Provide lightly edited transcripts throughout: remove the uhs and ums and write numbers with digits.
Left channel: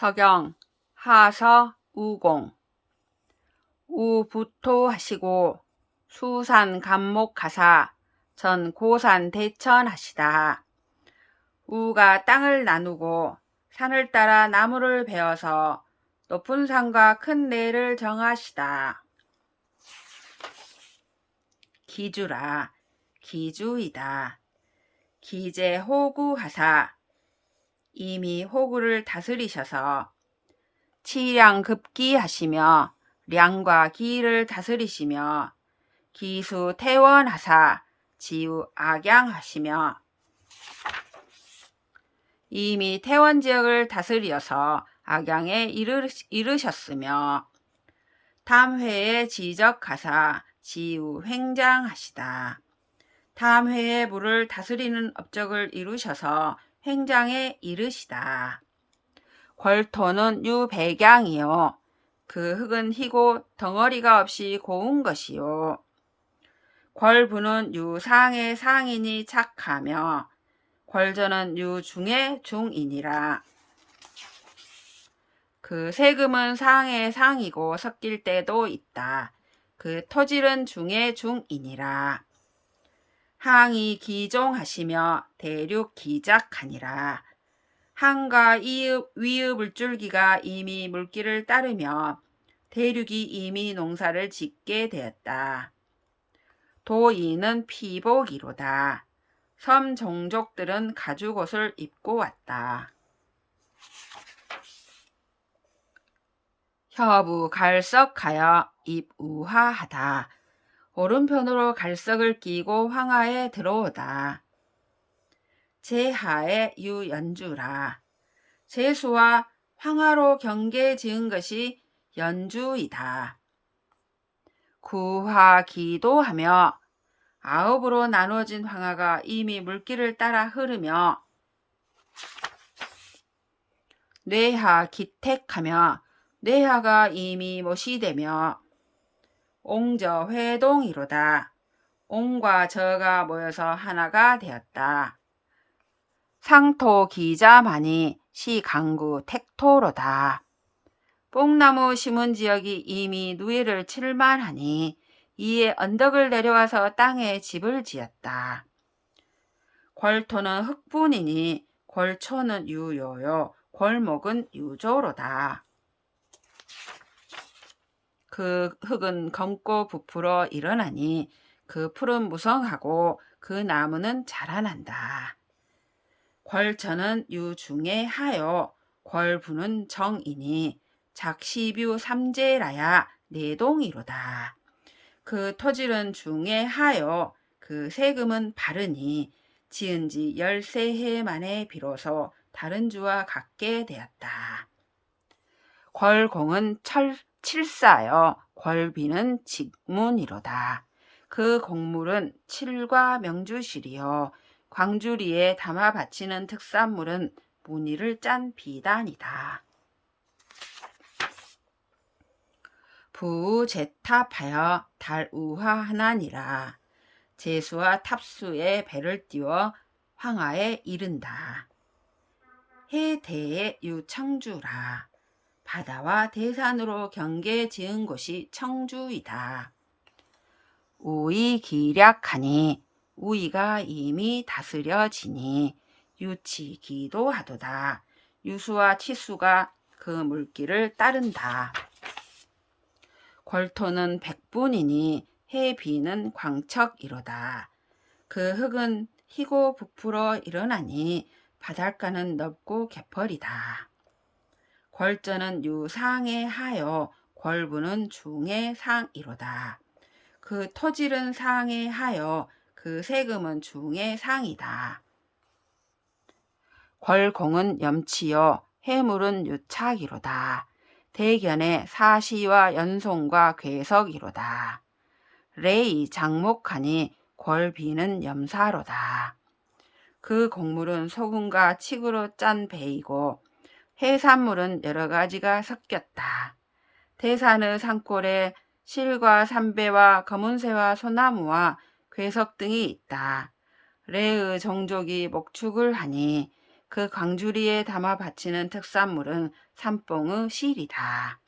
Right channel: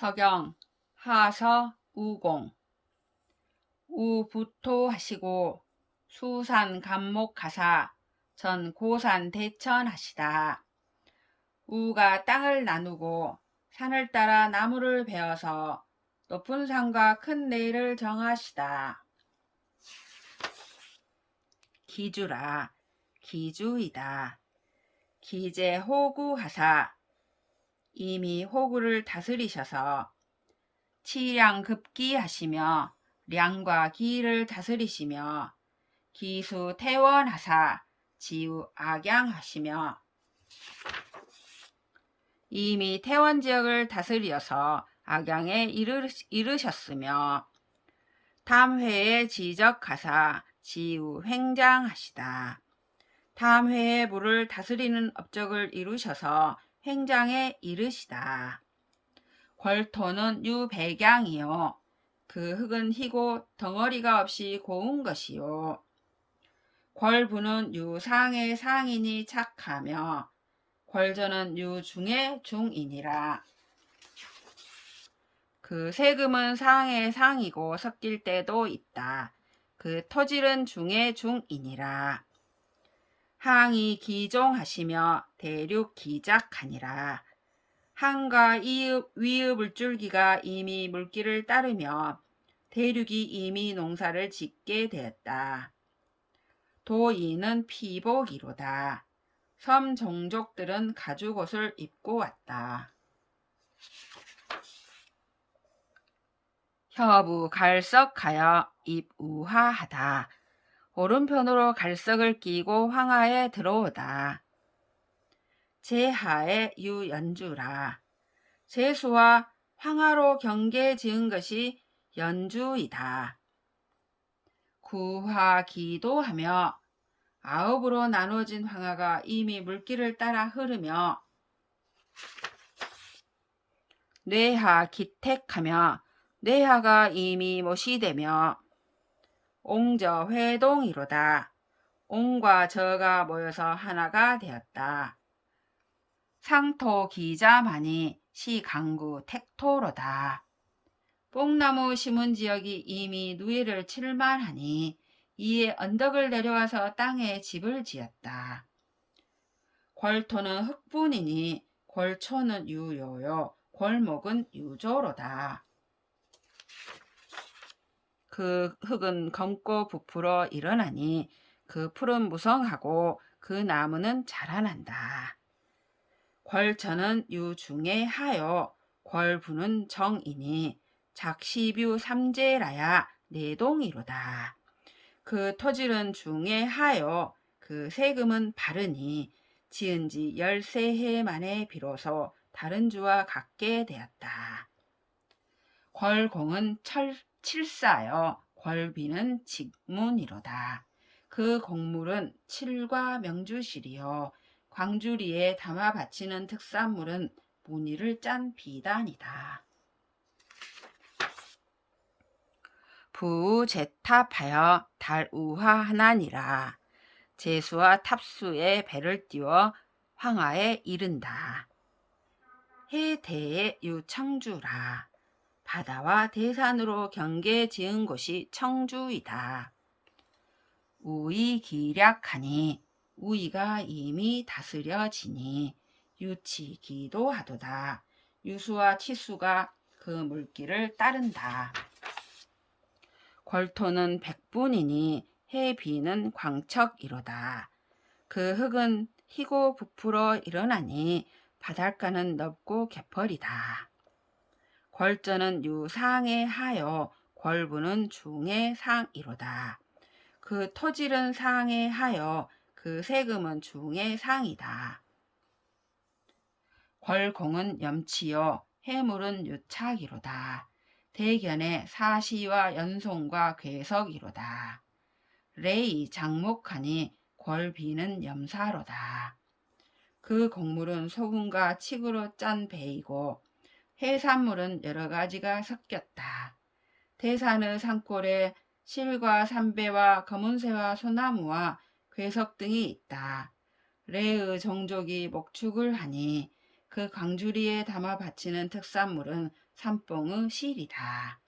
서경 하서 우공 우부토하시고 수산 감목하사 전 고산 대천하시다. 우가 땅을 나누고 산을 따라 나무를 베어서 높은 산과 큰 내를 정하시다. 기주라 기주이다. 기제 호구하사 이미 호구를 다스리셔서 치량급기하시며 량과 기를 다스리시며 기수 태원하사 지우 악양하시며 이미 태원 지역을 다스려서 악양에 이르셨으며 담회에 지적하사 지우 횡장하시다. 담회의 물을 다스리는 업적을 이루셔서 횡장에 이르시다. 궐토는 유백양이요 그 흙은 희고 덩어리가 없이 고운 것이요 궐부는 유상의 상인이 착하며 궐저는 유중의 중이니라. 그 세금은 상의 상이고 섞일 때도 있다. 그 토질은 중의 중이니라. 항이 기종하시며 대륙 기작하니라. 항과 위의 물줄기가 이미 물길을 따르며 대륙이 이미 농사를 짓게 되었다. 도이는 피복이로다. 섬 종족들은 가죽옷을 입고 왔다. 혀부 갈석하여 입우하하다. 오른편으로 갈석을 끼고 황하에 들어오다. 제하의 유연주라. 제수와 황하로 경계 지은 것이 연주이다. 구하기도하며 아홉으로 나누어진 황하가 이미 물길을 따라 흐르며 뇌하 기택하며 뇌하가 이미 못이 되며 옹저 회동이로다. 옹과 저가 모여서 하나가 되었다. 상토 기자만이 시강구 택토로다. 뽕나무 심은 지역이 이미 누이를 칠만하니 이에 언덕을 내려와서 땅에 집을 지었다. 궐토는 흙분이니 궐초는 유요요 궐목은 유조로다. 그 흙은 검고 부풀어 일어나니 그 풀은 무성하고 그 나무는 자라난다. 궐천은 유중에 하여 궐부는 정이니 작시뷰 삼재라야 내동이로다. 그 토질은 중에 하여 그 세금은 바르니 지은 지 13해 만에 비로소 다른 주와 같게 되었다. 궐공은 칠사여 궐비는 직문이로다. 그 곡물은 칠과 명주실이요 광주리에 담아 바치는 특산물은 무늬를 짠 비단이다. 부제탑하여 달우하하나니라. 제수와 탑수에 배를 띄워 황하에 이른다. 해대의 유청주라. 바다와 대산으로 경계 지은 곳이 청주이다. 우이 기략하니 우이가 이미 다스려지니 유치기도 하도다. 유수와 치수가 그 물길을 따른다. 궐토는 백분이니 해비는 광척이로다. 그 흙은 희고 부풀어 일어나니 바닷가는 넓고 개펄이다. 궐저는 유상에 하여 궐부는 중에 상이로다. 그 토질은 상에 하여 그 세금은 중에 상이다. 궐공은 염치요 해물은 유착이로다. 대견의 사시와 연송과 괴석이로다. 레이 장목하니 궐비는 염사로다. 그 곡물은 소금과 칡으로 짠 배이고 해산물은 여러 가지가 섞였다. 대산의 산골에 실과 삼배와 검은새와 소나무와 괴석 등이 있다. 레의 종족이 목축을 하니 그 광주리에 담아 바치는 특산물은 삼뽕의 실이다.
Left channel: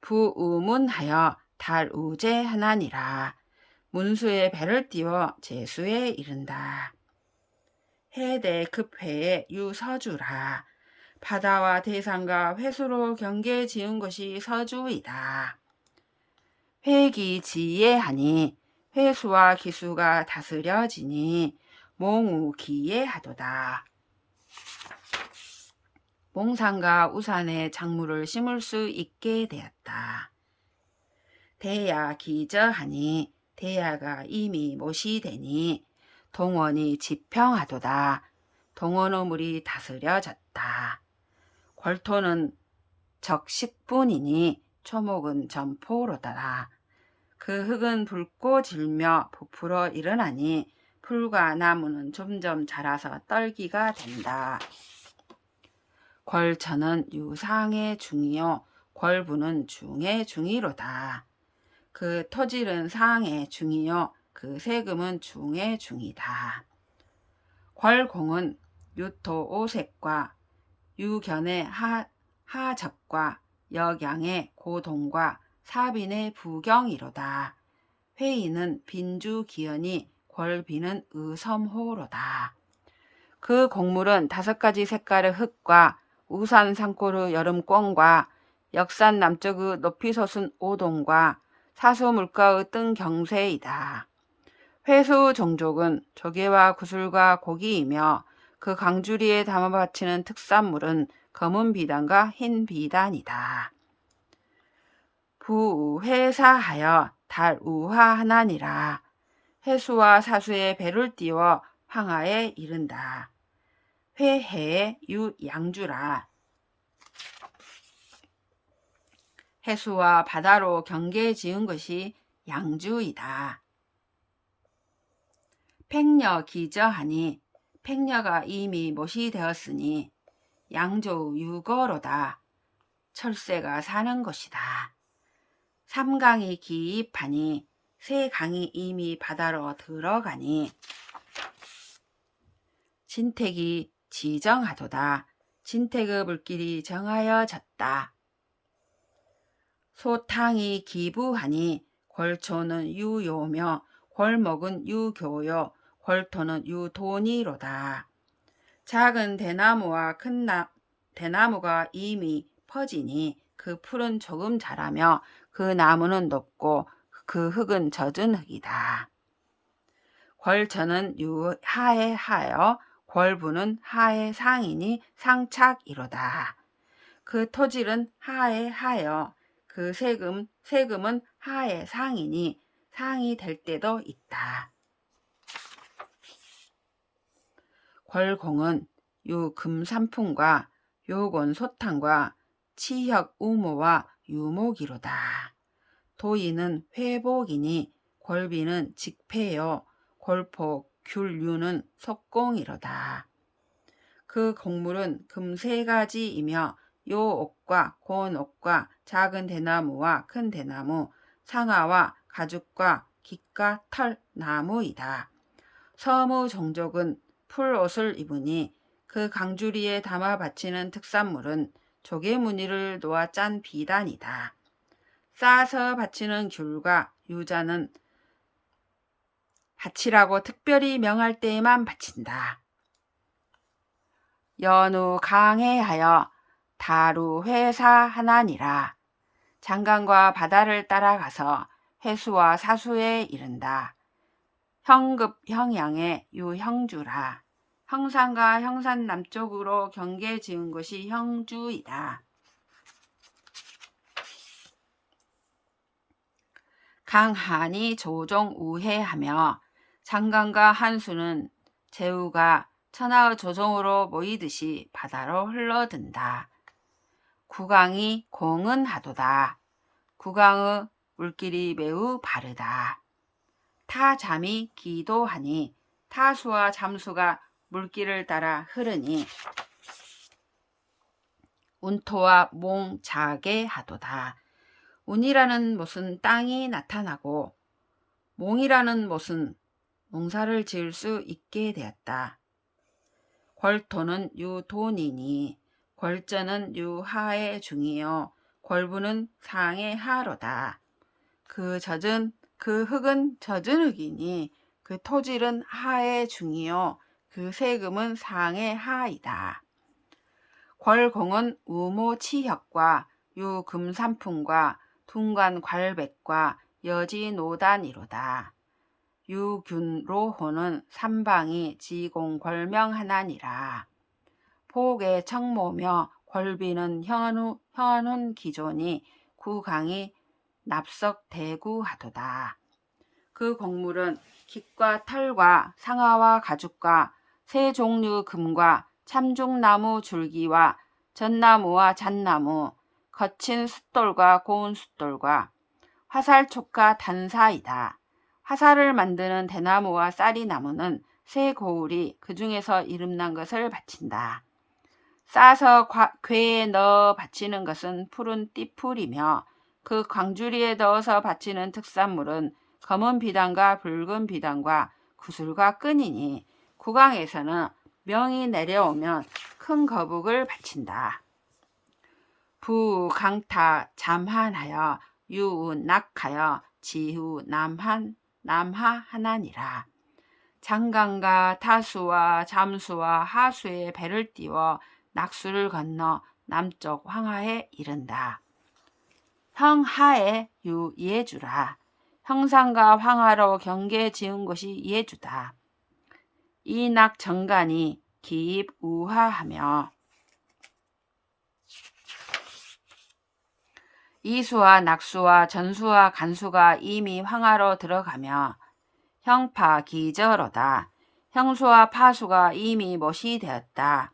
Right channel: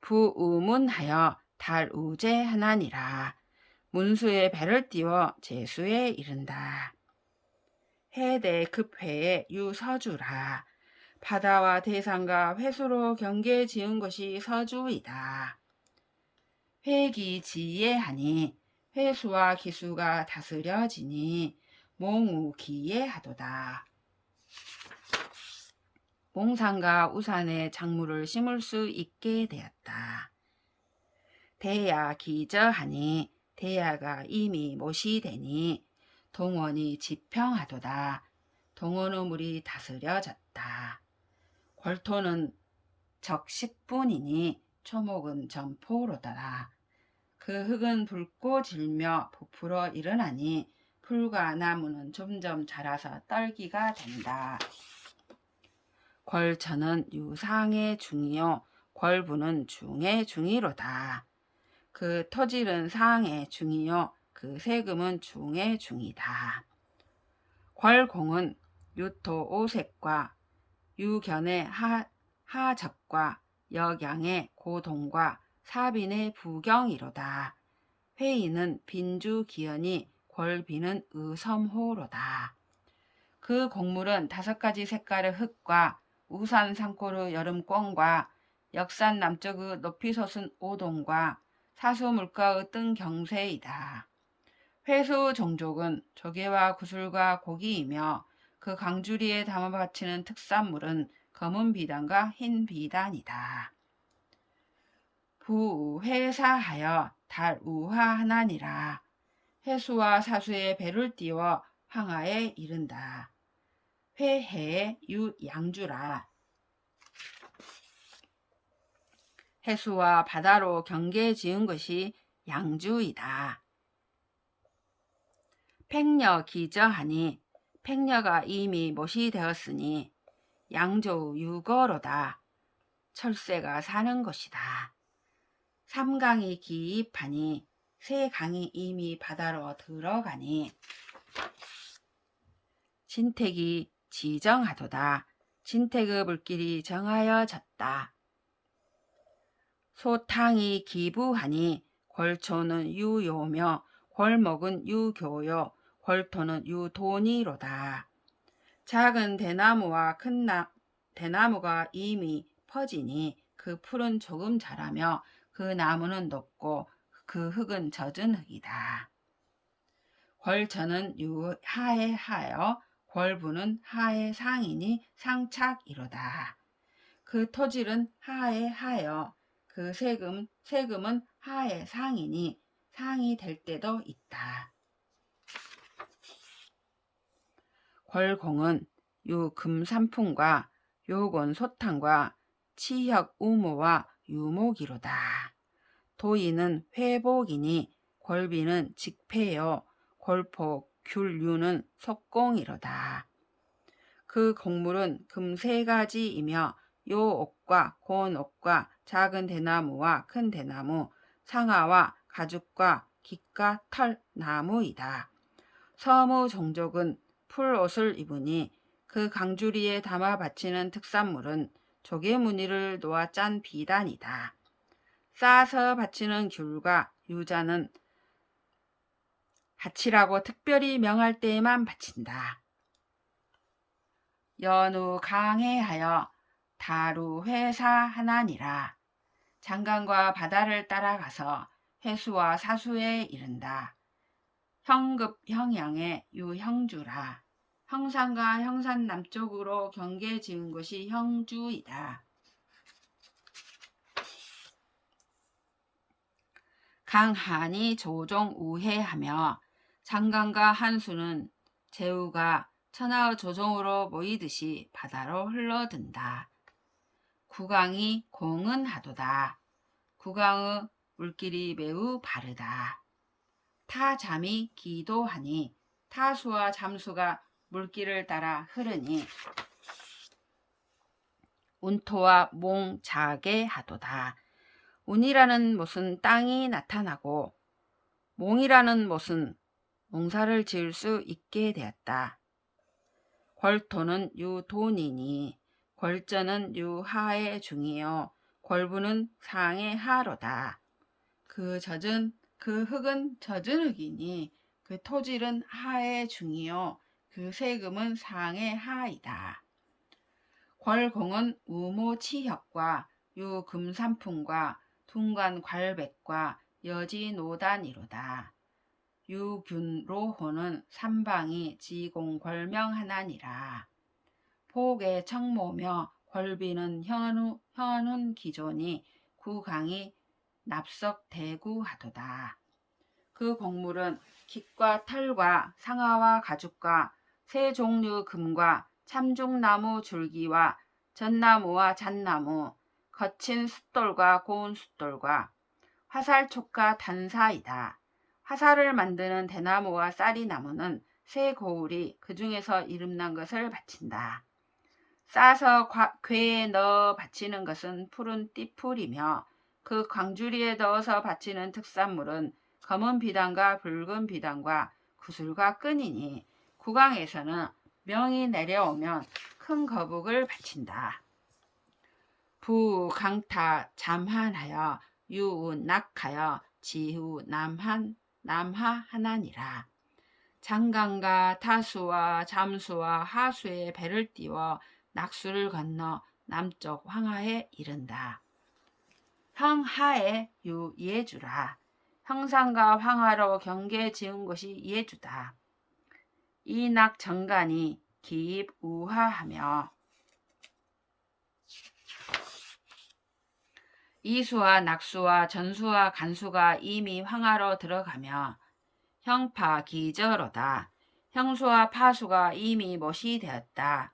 부우문하여 달우제하나니라. 문수에 배를 띄워 제수에 이른다. 해대 급회에 유서주라. 바다와 대산과 회수로 경계 지은 것이 서주이다. 회기지예하니 회수와 기수가 다스려지니 몽우기예하도다. 몽산과 우산에 작물을 심을 수 있게 되었다. 대야기저하니 대야가 이미 못이 되니 동원이 지평하도다. 동원의 물이 다스려졌다. 궐토는 적식분이니 초목은 점포로더라. 그 흙은 붉고 질며 부풀어 일어나니 풀과 나무는 점점 자라서 떨기가 된다. 궐천은 유상의 중이요 궐부는 중의 중이로다. 그 토질은 상의 중이요 그 세금은 중의 중이다. 궐공은 유토 오색과 유견의 하적과 역양의 고동과 사빈의 부경이로다. 회의는 빈주기연이 궐비는 의섬호로다. 그 곡물은 5가지 색깔의 흙과 우산 산골의 여름권과 역산 남쪽의 높이 솟은 오동과 사수 물가의 뜬 경세이다. 회수 종족은 조개와 구슬과 고기이며 그 강주리에 담아 바치는 특산물은 검은 비단과 흰 비단이다. 부회사하여 달우화하나니라. 회수와 사수에 배를 띄워 황하에 이른다. 회해에 유양주라. 해수와 바다로 경계 지은 것이 양주이다. 팽려 기저하니 팽려가 이미 못이 되었으니 양조 유거로다. 철새가 사는 곳이다. 삼강이 기입하니 세 강이 이미 바다로 들어가니 진택이 지정하도다. 진택의 물길이 정하여졌다. 소탕이 기부하니 궐초는 유요며 궐목은 유교요 궐토는 유돈이로다. 작은 대나무와 큰 대나무가 이미 퍼지니 그 풀은 조금 자라며 그 나무는 높고 그 흙은 젖은 흙이다. 궐천은 유하에 하여 궐부는 하에 상이니 상착이로다. 그 토질은 하에 하여 그 세금은 하에 상이니 상이 될 때도 있다. 궐공은 유금산풍과 요곤 소탕과 치혁 우모와 유목이로다. 도이는 회복이니 궐비는 직패요 궐포 귤유는 속공이로다. 그 곡물은 금 3가지이며 요옥과 곤옥과 작은 대나무와 큰 대나무, 상아와 가죽과 깃과 털 나무이다. 서무 종족은 풀옷을 입으니 그 강주리에 담아 바치는 특산물은 조개 무늬를 놓아 짠 비단이다. 싸서 바치는 귤과 유자는 바치라고 특별히 명할 때에만 바친다. 연우 강해하여 다루 회사하나니라. 장강과 바다를 따라가서 회수와 사수에 이른다. 형급 형양의 유형주라. 형산과 형산 남쪽으로 경계 지은 것이 형주이다. 강한이 조종 우회하며 장강과 한수는 제우가 천하의 조종으로 모이듯이 바다로 흘러든다. 구강이 공은하도다. 구강의 물길이 매우 바르다. 타잠이 기도하니 타수와 잠수가 물길을 따라 흐르니 운토와 몽자게 하도다. 운이라는 못은 땅이 나타나고 몽이라는 못은 농사를 지을 수 있게 되었다. 궐토는 유돈이니 궐전은 유하의 중이요 궐부는 상의 하로다. 그 흙은 젖은 흙이니 그 토질은 하의 중이요 그 세금은 상의 하이다. 궐공은 우모치혁과 유금산풍과 둥관괄백과 여지노단이로다. 유균로호는 삼방이 지공궐명하나니라. 복의 청모며 궐비는 현훈 기존이 구강이 납석대구하도다. 그 곡물은 깃과 털과 상아와 가죽과 세 종류 금과 참중나무 줄기와 전나무와 잣나무, 거친 숫돌과 고운 숫돌과 화살촉과 단사이다. 화살을 만드는 대나무와 쌀이나무는 새 고울이 그 중에서 이름난 것을 바친다. 싸서 궤에 넣어 바치는 것은 푸른 띠풀이며 그 광주리에 넣어서 바치는 특산물은 검은 비단과 붉은 비단과 구슬과 끈이니 국왕에서는 명이 내려오면 큰 거북을 바친다. 부 강타 잠한하여 유 낙하여 지후 남하 하나니라. 장강과 타수와 잠수와 하수에 배를 띄워 낙수를 건너 남쪽 황하에 이른다. 형하에 유 예주라. 형산과 황하로 경계 지은 곳이 예주다. 이낙 정간이 기입 우하하며 이수와 낙수와 전수와 간수가 이미 황하로 들어가며 형파 기저로다. 형수와 파수가 이미 못이 되었다.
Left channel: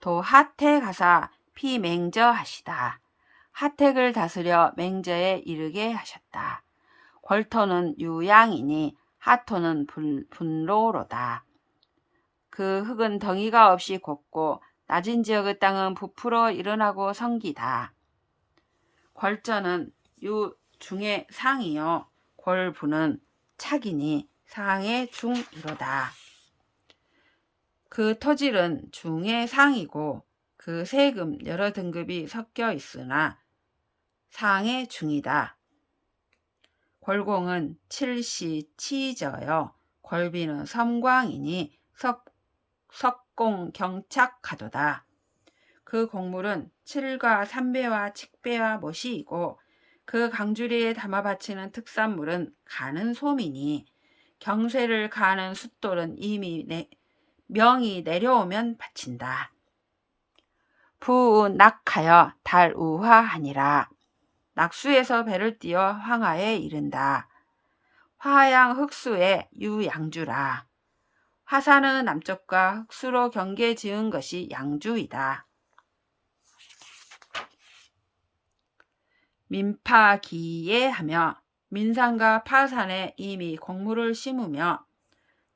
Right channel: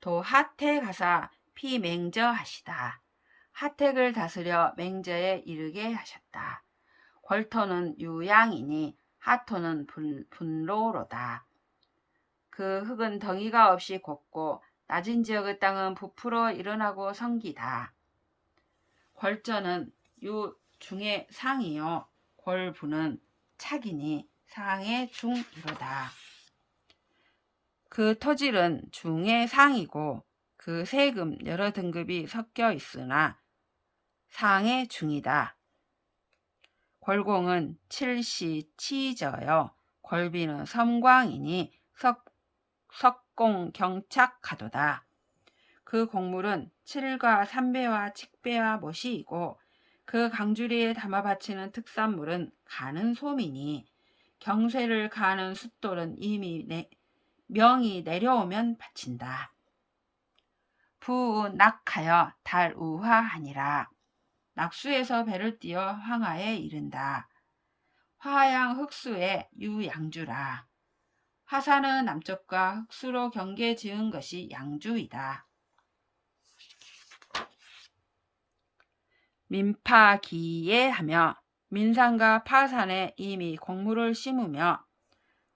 도 하태 가사 피맹저하시다. 하택을 다스려 맹저에 이르게 하셨다. 궐토는 유양이니 하토는 분로로다. 그 흙은 덩이가 없이 곱고 낮은 지역의 땅은 부풀어 일어나고 성기다. 궐전은 유 중의 상이요 궐부는 착이니 상의 중이로다. 그 토질은 중의 상이고 그 세금 여러 등급이 섞여 있으나 상의 중이다. 궐공은 칠시 치저여 궐비는 섬광이니 석공 경착하도다. 그 곡물은 칠과 삼배와 칡배와 모시이고 그 강주리에 담아 바치는 특산물은 가는 소미니 경쇠를 가는 숫돌은 이미 명이 내려오면 바친다. 부 낙하여 달우화하니라. 낙수에서 배를 띄어 황하에 이른다. 화양 흑수에 유양주라. 화산은 남쪽과 흑수로 경계 지은 것이 양주이다. 민파기에 하며 민산과 파산에 이미 곡물을 심으며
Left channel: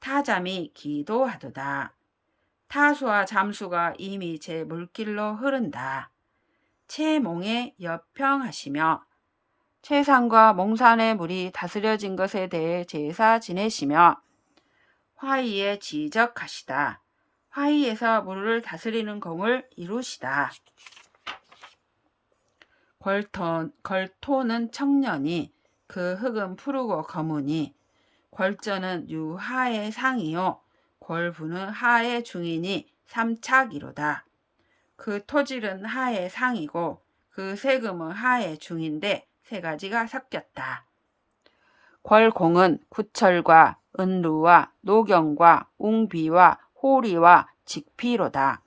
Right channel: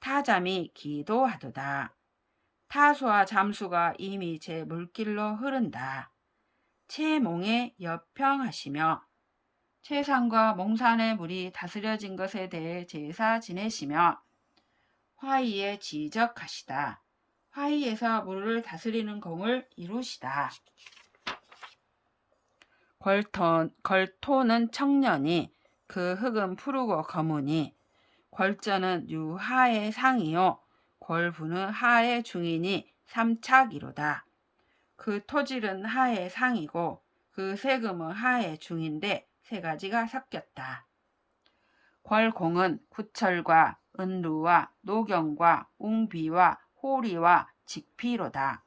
타잠이 기도하도다. 타수와 잠수가 이미 제 물길로 흐른다. 채몽에 여평하시며 채산과 몽산의 물이 다스려진 것에 대해 제사 지내시며 화의에 지적하시다. 화의에서 물을 다스리는 공을 이루시다. 궐토는 청년이 그 흙은 푸르고 검으니 궐전은 유하의 상이요 궐부는 하의 중이니 삼착이로다. 그 토질은 하의 상이고 그 세금은 하의 중인데 세 가지가 섞였다. 궐공은 구철과 은루와 노경과 웅비와 호리와 직피로다.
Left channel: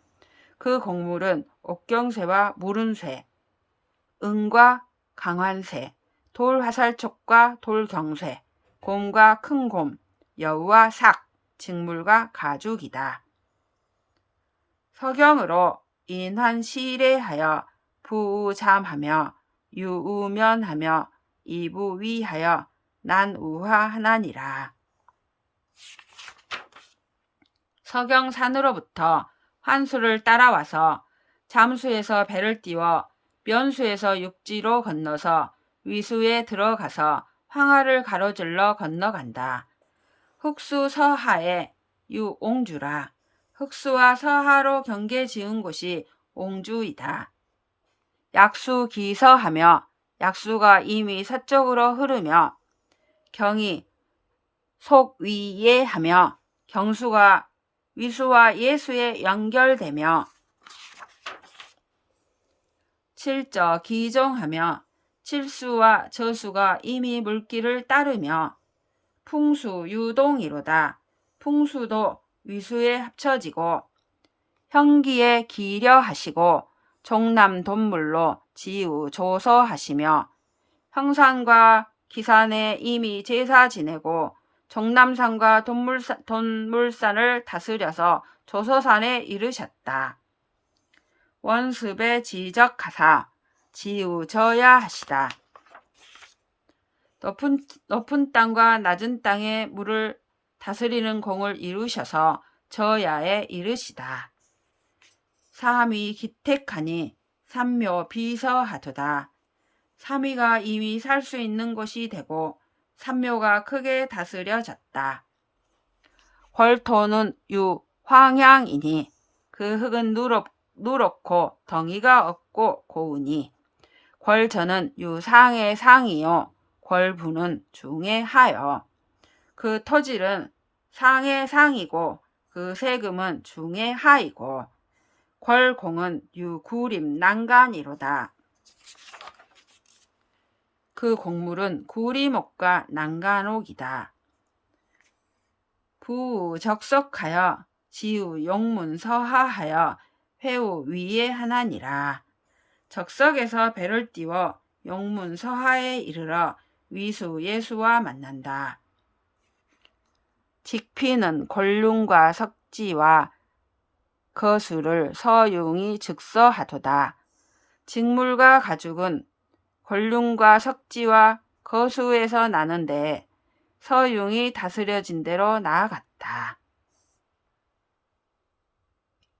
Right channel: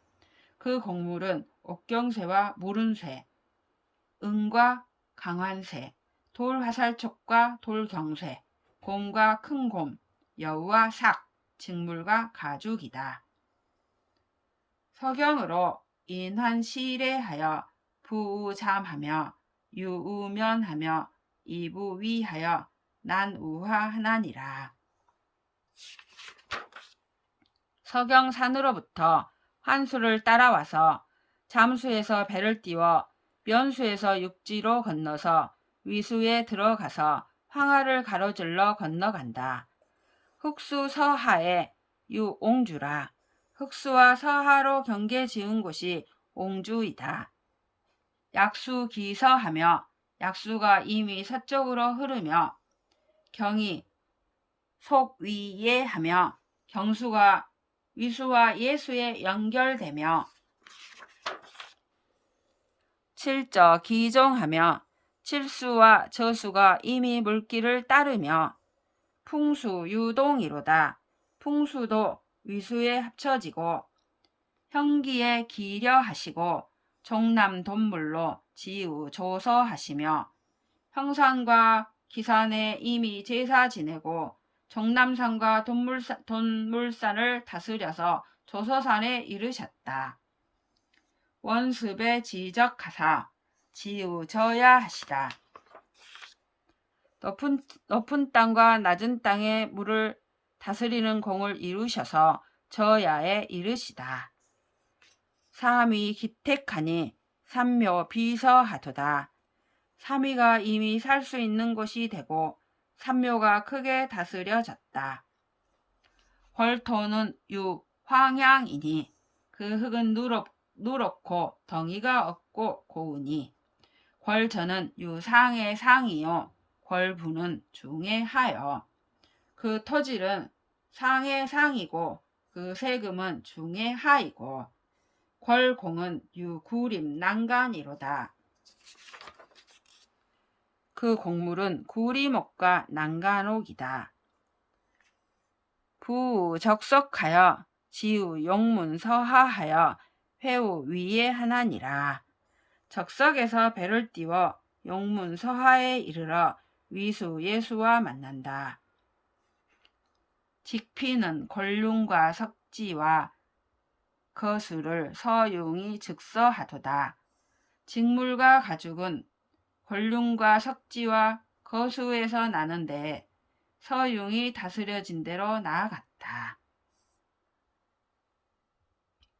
그 곡물은 옥경쇠와 무른쇠, 은과 강환쇠, 돌화살촉과 돌경쇠, 곰과 큰곰, 여우와 삭, 직물과 가죽이다. 서경으로 인환시례하여 부우잠하며 유우면하며 이부위하여 난우하하나니라. 서경산으로부터 환수를 따라와서 잠수에서 배를 띄워 면수에서 육지로 건너서 위수에 들어가서 황하를 가로질러 건너간다. 흑수 서하에 유 옹주라. 흑수와 서하로 경계 지은 곳이 옹주이다. 약수 기서하며 약수가 이미 서쪽으로 흐르며 경이 속위에 하며 경수가 위수와 예수에 연결되며 칠저 기종하며 칠수와 저수가 이미 물길을 따르며 풍수 유동이로다. 풍수도 위수에 합쳐지고 형기에 기려 하시고 종남 돈물로 지우 조서하시며 형산과 기산에 이미 제사 지내고 종남산과 돈물산을 다스려서 조서산에 이르셨다. 원습에 지적하사 지우져야 하시다. 높은 땅과 낮은 땅의 물을 다스리는 공을 이루셔서 저야에 이르시다. 삼위 기택하니 삼묘 비서하도다. 삼위가 이미 살 수 있는 곳이 되고 삼묘가 크게 다스려졌다. 궐토는 유 황향이니 그 흙은 누렇고 덩이가 없고 고우니 궐저는 유 상의 상이요 궐부는 중의 하여 그 토질은 상의 상이고 그 세금은 중의 하이고 궐공은 유 구림 난간이로다. 그 곡물은 구리목과 난간옥이다. 부 적석하여 지우 용문서하하여 회우 위에 하나니라. 적석에서 배를 띄워 용문서하에 이르러 위수 예수와 만난다. 직피는 권륜과 석지와 거수를 서융이 즉서하도다. 직물과 가죽은 권륜과 석지와 거수에서 나는데 서융이 다스려진 대로 나아갔다.